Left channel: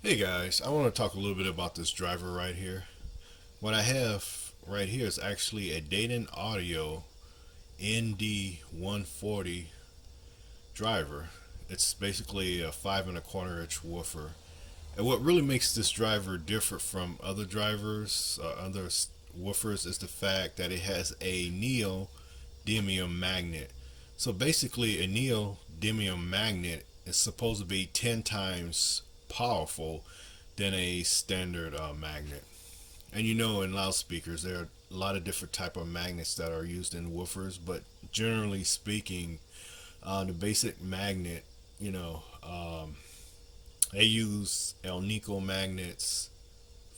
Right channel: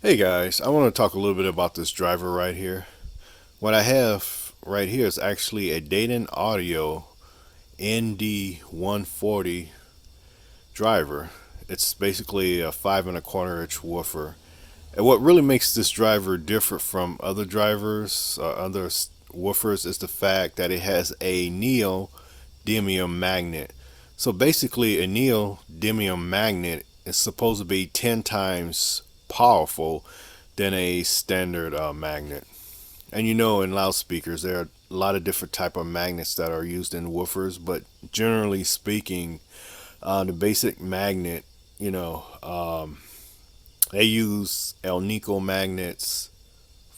Hey guys, I want to talk a little bit about this driver right here. What I have right here is actually a Dayton Audio ND140 driver. It's basically a 5 1/4 inch woofer. And what really makes this driver different from other drivers or other woofers is the fact that it has a neodymium magnet. So basically, a neodymium magnet is supposed to be 10 times powerful than a standard magnet. And you know, in loudspeakers, there are a lot of different type of magnets that are used in woofers, but generally speaking, the basic magnet, you know, they use nickel magnets,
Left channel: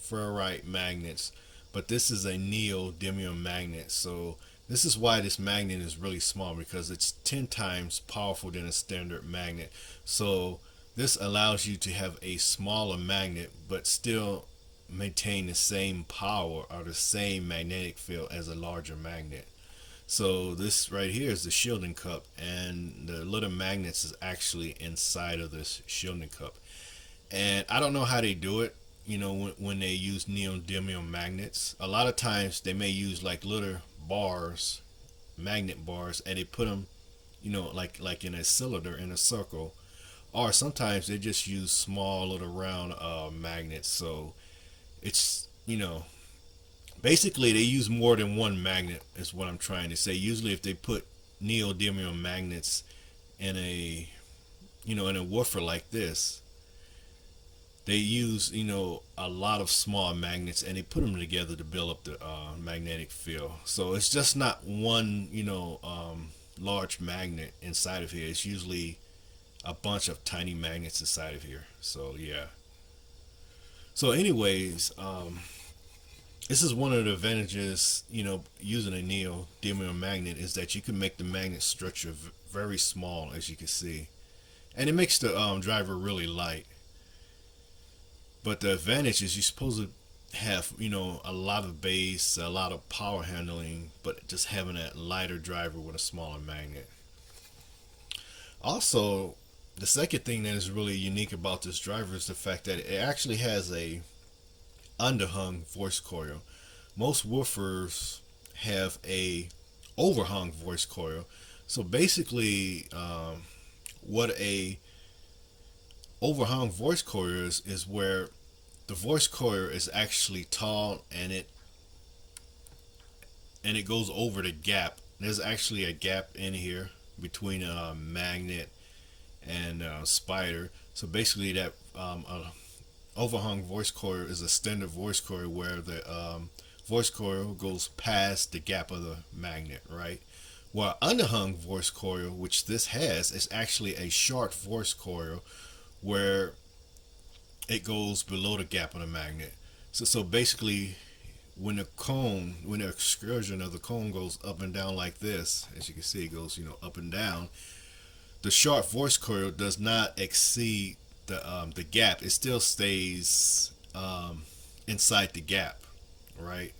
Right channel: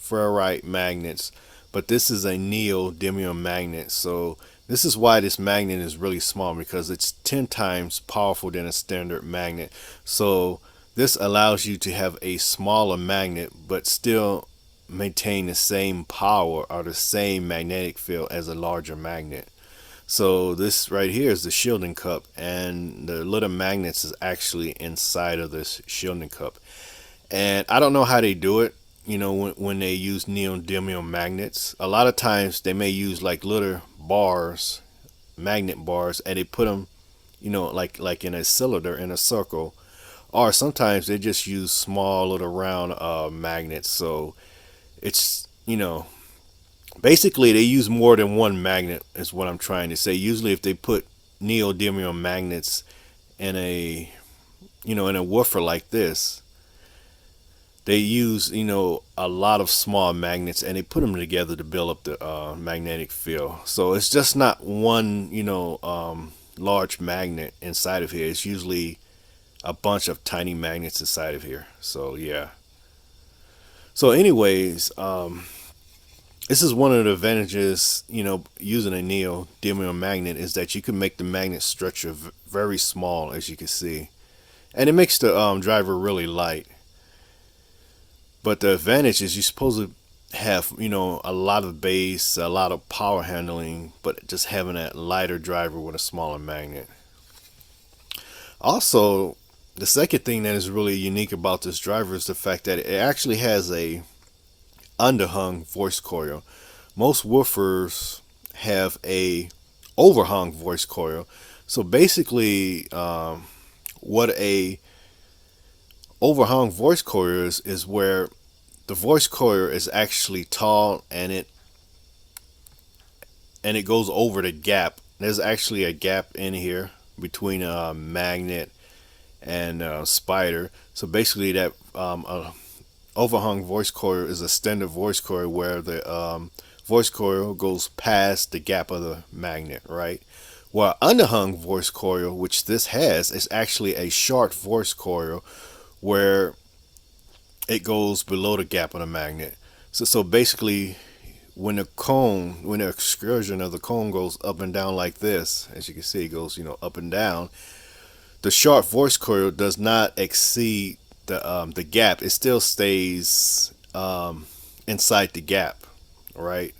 ferrite magnets, but this is a neodymium magnet. So this is why this magnet is really small, because it's 10 times powerful than a standard magnet. So this allows you to have a smaller magnet but still maintain the same power or the same magnetic field as a larger magnet. So this right here is the shielding cup, and the little magnets is actually inside of this shielding cup. And I don't know how they do it. You know, when they use neodymium magnets, a lot of times they may use like little bars, magnet bars, and they put them, like in a cylinder in a circle, or sometimes they just use small little round magnets. So it's basically they use more than one magnet is what I'm trying to say. Usually, if they put neodymium magnets in a woofer like this, they use a lot of small magnets and they put them together to build up the magnetic field. So it's just not one large magnet inside of here. It's usually a bunch of tiny magnets inside of here. So yeah. So anyways, this is one of the advantages, using a neodymium magnet, is that you can make the magnet structure very small, as you can see, and it makes the driver really light. But the advantage is you're supposed to have, a lot of bass, a lot of power handling, but just having that lighter driver with a smaller magnet. Also, the second thing that is really unique about this driver is the fact that it actually has a underhung voice coil. Most woofers have a overhung voice coil. So basically, what a overhung voice coil is where the voice coil is actually tall, and it goes over the gap. There's actually a gap in here between a magnet and a spider. So basically, that overhung voice coil is a standard voice coil where the voice coil goes past the gap of the magnet, right? While underhung voice coil, which this has, is actually a short voice coil where it goes below the gap of the magnet. So basically, when the excursion of the cone goes up and down like this, as you can see, it goes up and down. The short voice coil does not exceed the gap. It still stays inside the gap, right?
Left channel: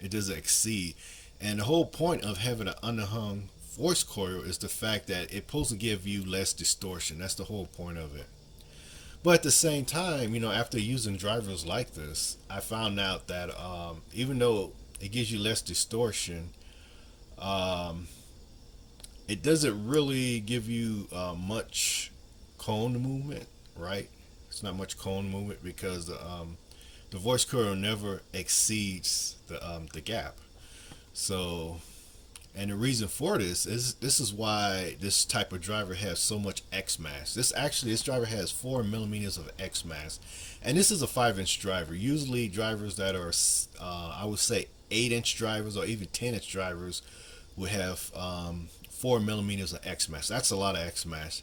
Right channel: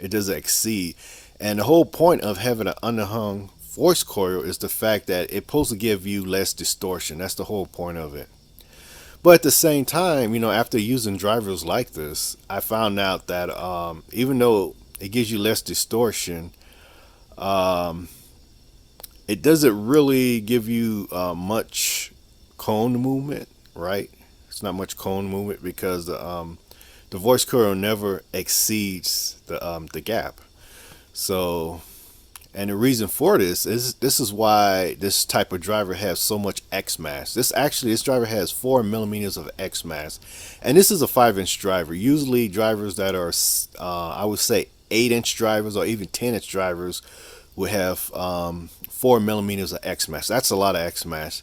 It doesn't exceed. And the whole point of having an underhung voice coil is the fact that it's supposed to give you less distortion. That's the whole point of it. But at the same time, after using drivers like this, I found out that even though it gives you less distortion, um, it doesn't really give you much cone movement, right? It's not much cone movement because the voice coil never exceeds the gap. So, and the reason for this is why this type of driver has so much Xmax. This driver has 4 millimeters of Xmax, and this is a 5 inch driver. Usually drivers that are I would say 8 inch drivers or even 10 inch drivers would have 4 millimeters of Xmax. That's a lot of Xmax.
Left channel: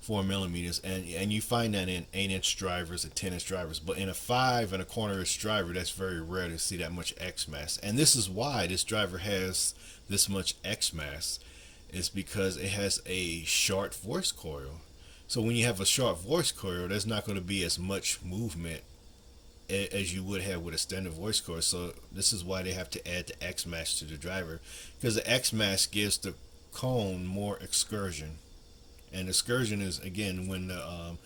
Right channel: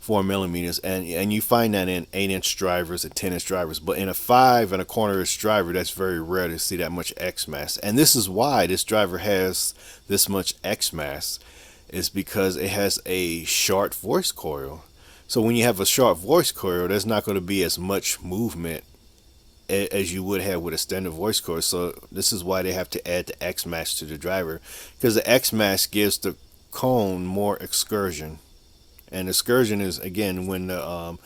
4 millimeters, and you find that in 8 inch drivers and 10 inch drivers, but in a 5 1/4 inch driver, that's very rare to see that much X mass. And this is why this driver has this much X mass, is because it has a short voice coil. So when you have a short voice coil, there's not going to be as much movement as you would have with a standard voice coil. So this is why they have to add the X mass to the driver, because the X mass gives the cone more excursion. And excursion is, again, when the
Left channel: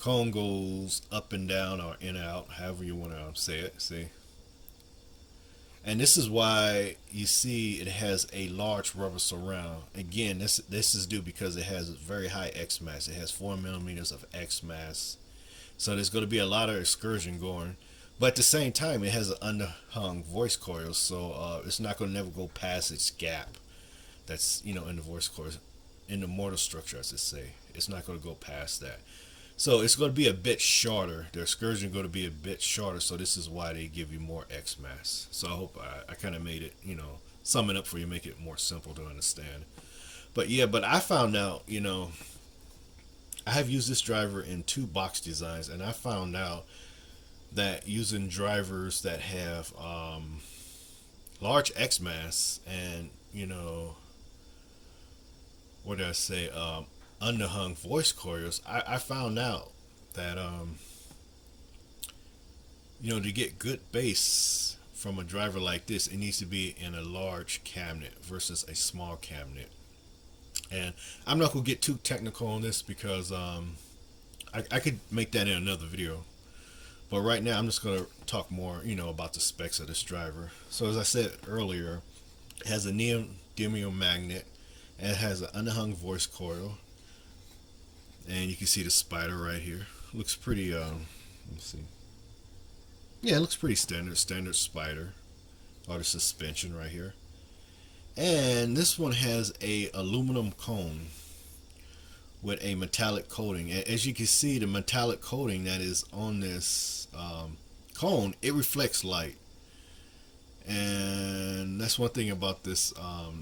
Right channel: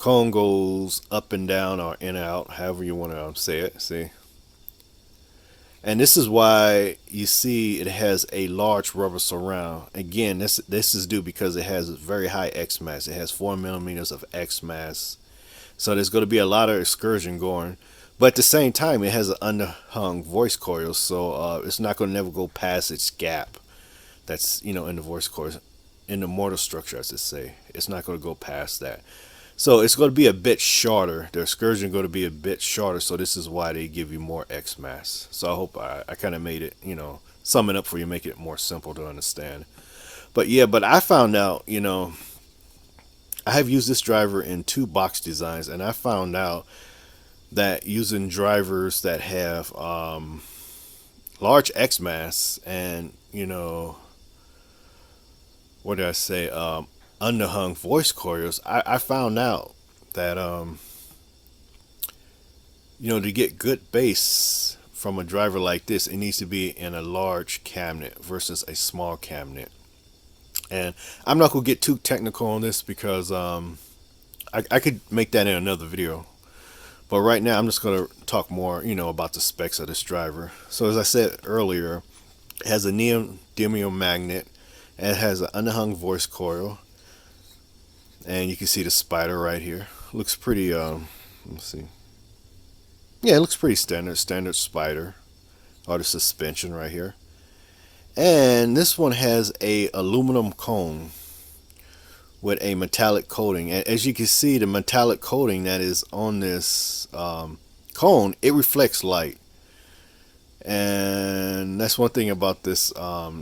Cone goes up and down or in and out, however you want to say it. See, and this is why you see it has a large rubber surround. Again, this is due because it has very high Xmax. It has 4 millimeters of Xmax, so there's going to be a lot of excursion going. But at the same time, it has an underhung voice coil, so it's not going to never go past its gap. That's in the voice coil, in the mortar structure, I should say. It's not going to go past that. So it's going to be a bit shorter. The excursion is going to be a bit shorter. So this is why they give you more X mass. So I hope I kind of made it, sum it up for you, make it more simple to understand. But yeah, but I found out, I have used this driver in 2 box designs, and I found out that using drivers that have large X mass and, what did I say? Underhung voice coils, I found out that to get good bass from a driver like this, it needs to be in a large cabinet versus a small cabinet. And I'm not gonna get too technical on this because I could make that in another video. But right now I'm just gonna talk more, about the specs of this driver. So as I said earlier, it has a neodymium magnet, and it has an underhung voice coil. And you can see the spider right here. Looks pretty, let's see. Yeah, it looks pretty standard spider. Or the suspension right here. And this one has a aluminum cone with a metallic coating. And as you can see, the metallic coating that is on this cone, it reflects light. And that's one thing about this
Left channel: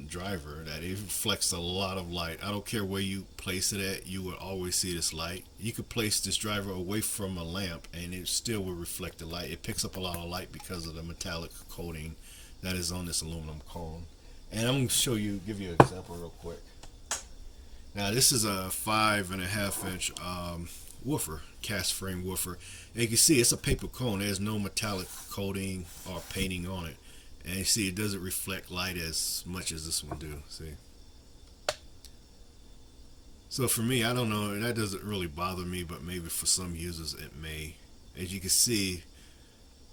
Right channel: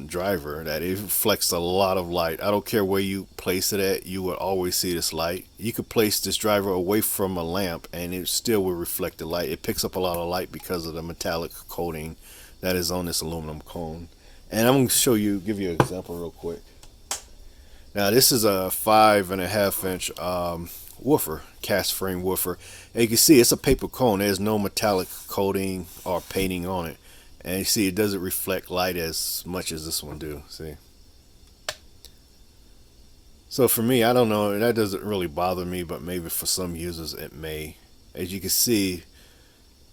driver, that it reflects a lot of light. I don't care where you place it at, you will always see this light. You could place this driver away from a lamp and it still will reflect the light. It picks up a lot of light because of the metallic coating that is on this aluminum cone. And I'm going to give you an example real quick. Now this is a 5.5 inch woofer, cast frame woofer. And you can see it's a paper cone. There's no metallic coating or painting on it. And you see it doesn't reflect light as much as this one do. See? So for me, I don't know, that doesn't really bother me, but maybe for some users it may. As you can see,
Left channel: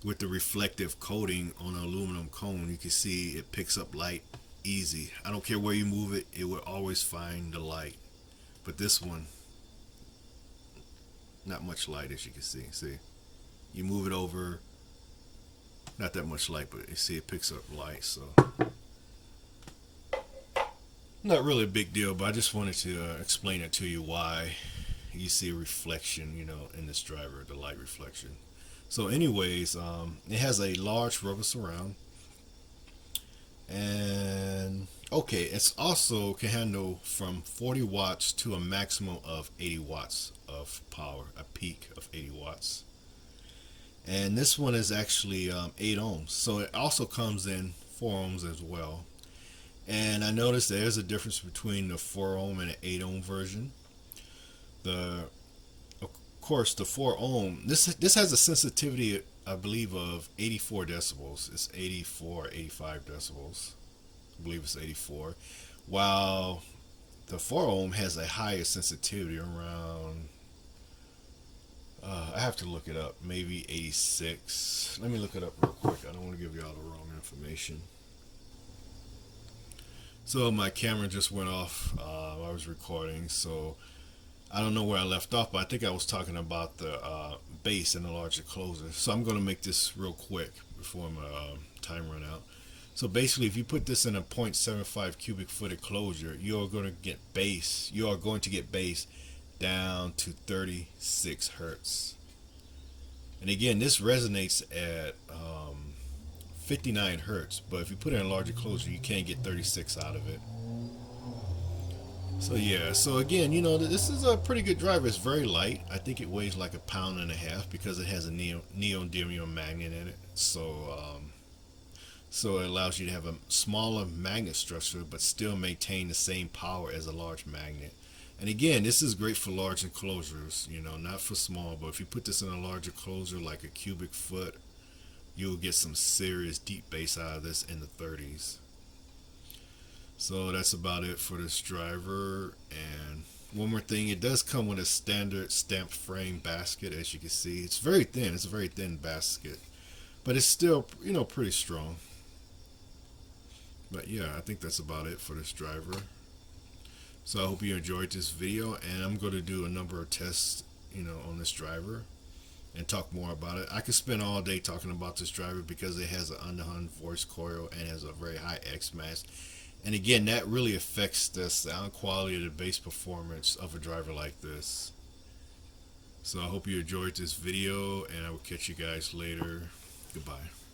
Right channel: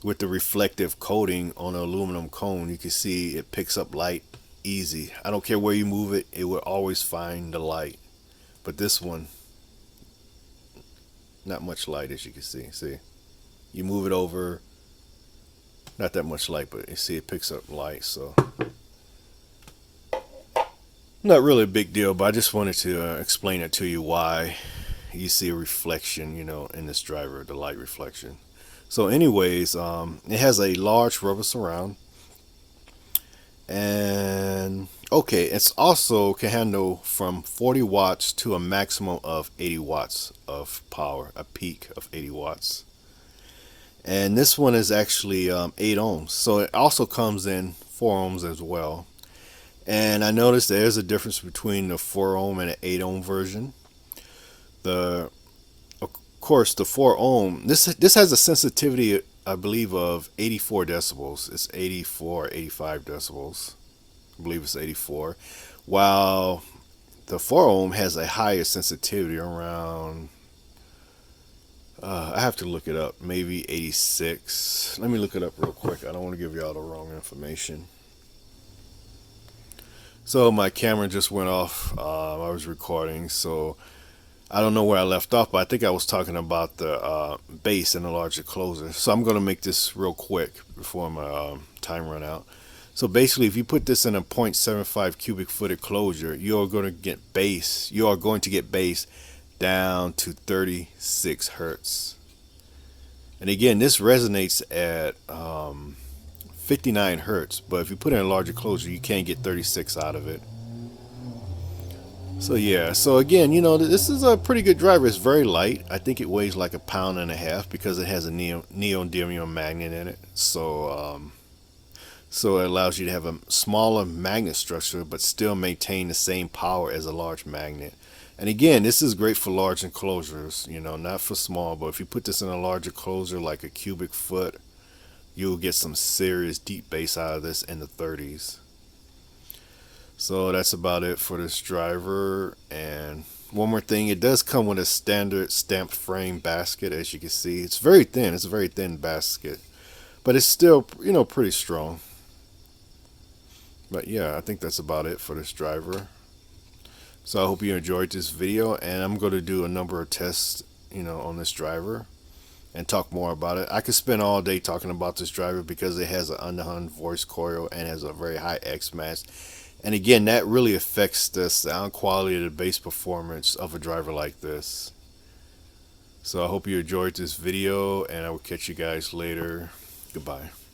with the reflective coating on the aluminum cone, you can see it picks up light easy. I don't care where you move it, it will always find the light. But this one, not much light, as you can see. See, you move it over, not that much light, but you see it picks up light. So not really a big deal, but I just wanted to explain it to you why you see a reflection, in this driver, the light reflection. So anyways, it has a large rubber surround, and okay, it's also can handle from 40 watts to a maximum of 80 watts of power, a peak of 80 watts. And this one is actually 8 ohms, so it also comes in 4 ohms as well. And I noticed there's a difference between the 4 ohm and the 8 ohm version. Of course, the 4 ohm, this has a sensitivity, I believe, of 84 decibels. It's 84, 85 decibels. I believe it's 84. While the 4 ohm has a higher sensitivity, around, I have to look it up, maybe 86. Let me look it up real quick. I don't want to give y'all the wrong information. So my camera just went off. I was recording, so I don't know where I left off, but I think I was talking about the bass and the large enclosure. So I'm going to make this real quick before my time run out. So basically, if you put this in a 0.75 cubic foot enclosure, you're going to get bass. You are going to get bass down to 36 hertz. And again, this resonates at 59 hertz, but if you put in a larger enclosure, you can't get 36 out of it. So yeah, so again, this is a pretty good driver. It's very light. I think it weighs like 1.5 pounds because it has a neodymium magnet in it. So so it allows you to have a smaller magnet structure but still maintain the same power as a large magnet. And again, this is great for large enclosures, not for small, but if you put this in a large enclosure like a cubic foot, you'll get some serious deep bass out of this in the 30s. So that's about it for this driver, and One more thing, it does come with a standard stamped frame basket. As you can see, it's very thin. It's a very thin basket, but it's still, you know, pretty strong. But yeah, I think that's about it for this driver. So I hope you enjoyed this video, and I'm going to do a number of tests, you know, on this driver and talk more about it. I could spend all day talking about this driver because it has an underhung voice coil and has a very high Xmax. And again, that really affects the sound quality of the bass performance of a driver like this. So I hope you enjoyed this video, and I will catch you guys later. Goodbye.